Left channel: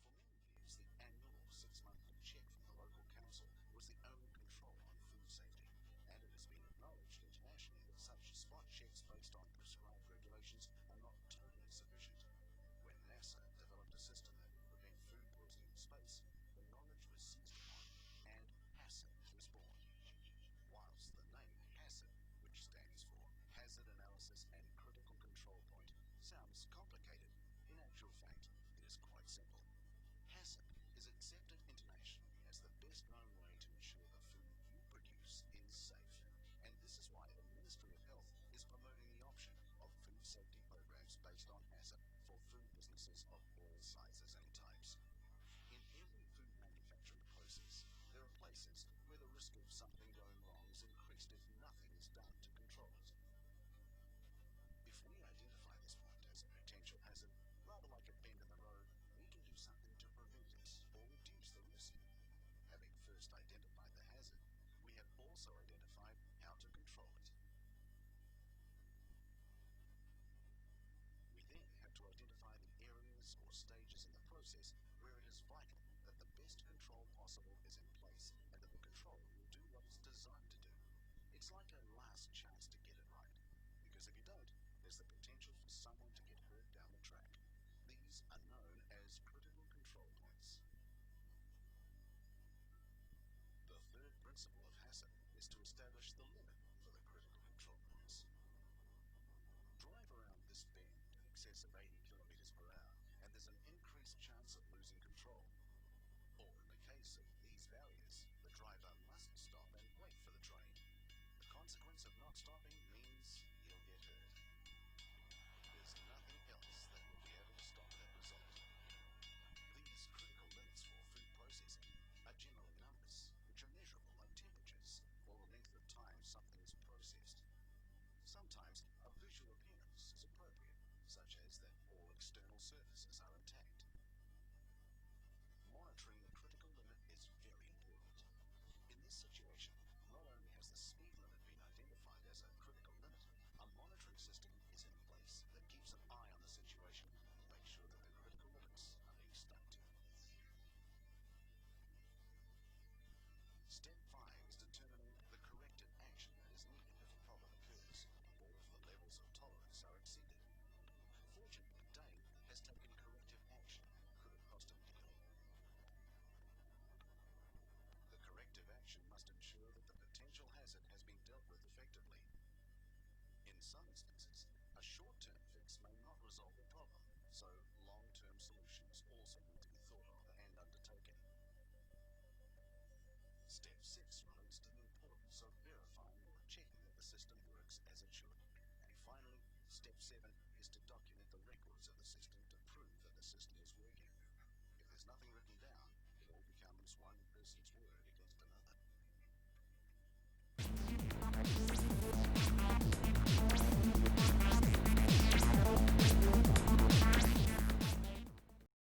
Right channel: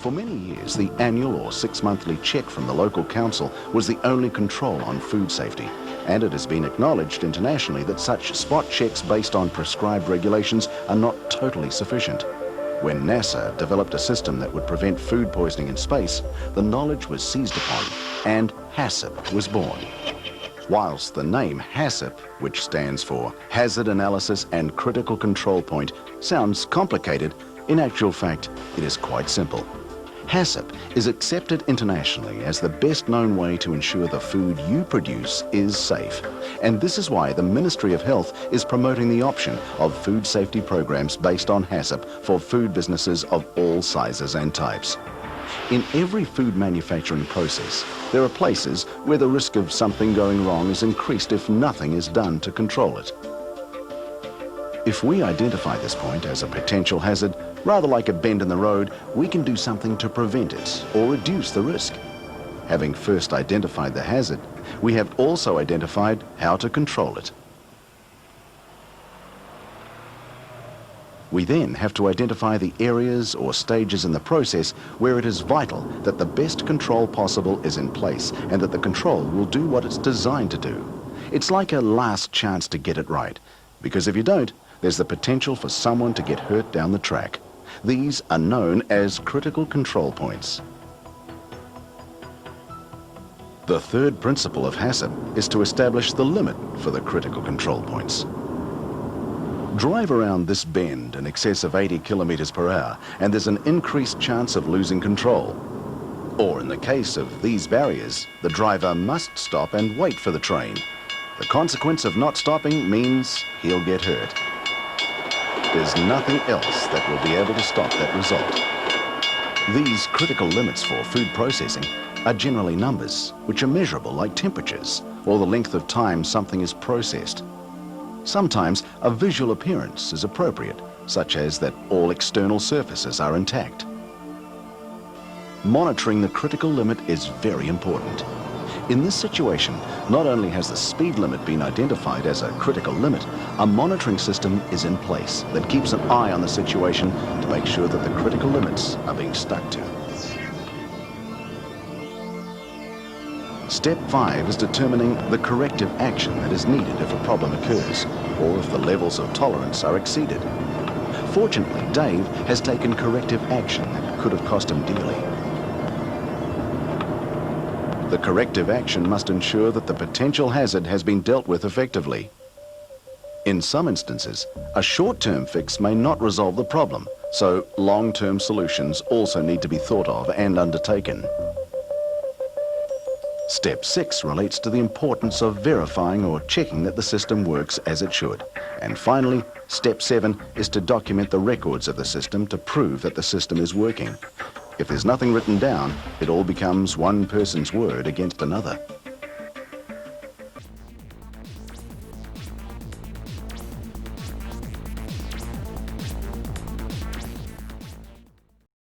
For many years, the annual or 6-monthly check from the local council was the only control on food safety, and it has been acknowledged internationally that such spot checks based on prescribed regulations are not totally sufficient. When NASA developed a system that would prevent food poisoning in space, the knowledge was seized upon and HACCP was born. Whilst the name HACCP, which stands for Hazard Analysis and Critical Control Point, sounds complicated, in actual fact, it is quite simple. HACCP is accepted internationally as the best known way to ensure the food you produce is safe. And this is why the Ministry of Health is promoting the option of food safety programs based on HACCP for food businesses of all sizes and types. In every food manufacturing process, there are places where the risk of something going wrong is increased if nothing is done to control it. If we identify this point as a potential hazard, rather like a bend in the road, we can do something to prevent it or reduce the risk. Having first identified the hazard, we have also identified how to control it. We then have to identify the areas or stages in the process where it is vital that the best control possible is in place and that the control will do what it's designed to do. It's like a last chance to get it right, because if you don't, there's the potential for someone to get hurt down the track. These are known as critical control points. The third principle of HACCP is to establish the limit for the critical control points. Drive around this bend in excess of 80 kilometers per hour and there's an increased chance of losing control. Or in the case of these barriers, the driver must stop and wait for the train. The consequence of not stopping means he'll get hurt. There's nothing else that will be able to stop that result. These critical limits for food processing are generally numbers, which are measurable like temperatures or the length of time something is processed. Sometimes a visual appearance is appropriate, such as that all external surfaces are intact. Monitoring the critical limit is very important. In this situation, not only has the speed limit been identified as a critical limit, a monitoring system is in place that keeps an eye on the situation to make sure that the critical limits are being stuck to. Step 5 is determining the corrective action that is needed if a problem occurs, or if the levels of tolerance are exceeded. Fortunately, Dave has taken corrective action that could have cost him dearly. The corrective action must ensure that the potential hazard has been dealt with effectively. In some instances, a short-term fix may not resolve the problem, so long-term solutions also need to be thought of and undertaken. Step 6 relates to the importance of verifying or checking that the system works as it should. And finally, step 7 is to document the records of the system to prove that the system is working. If there's nothing written down, it all becomes one person's word against another.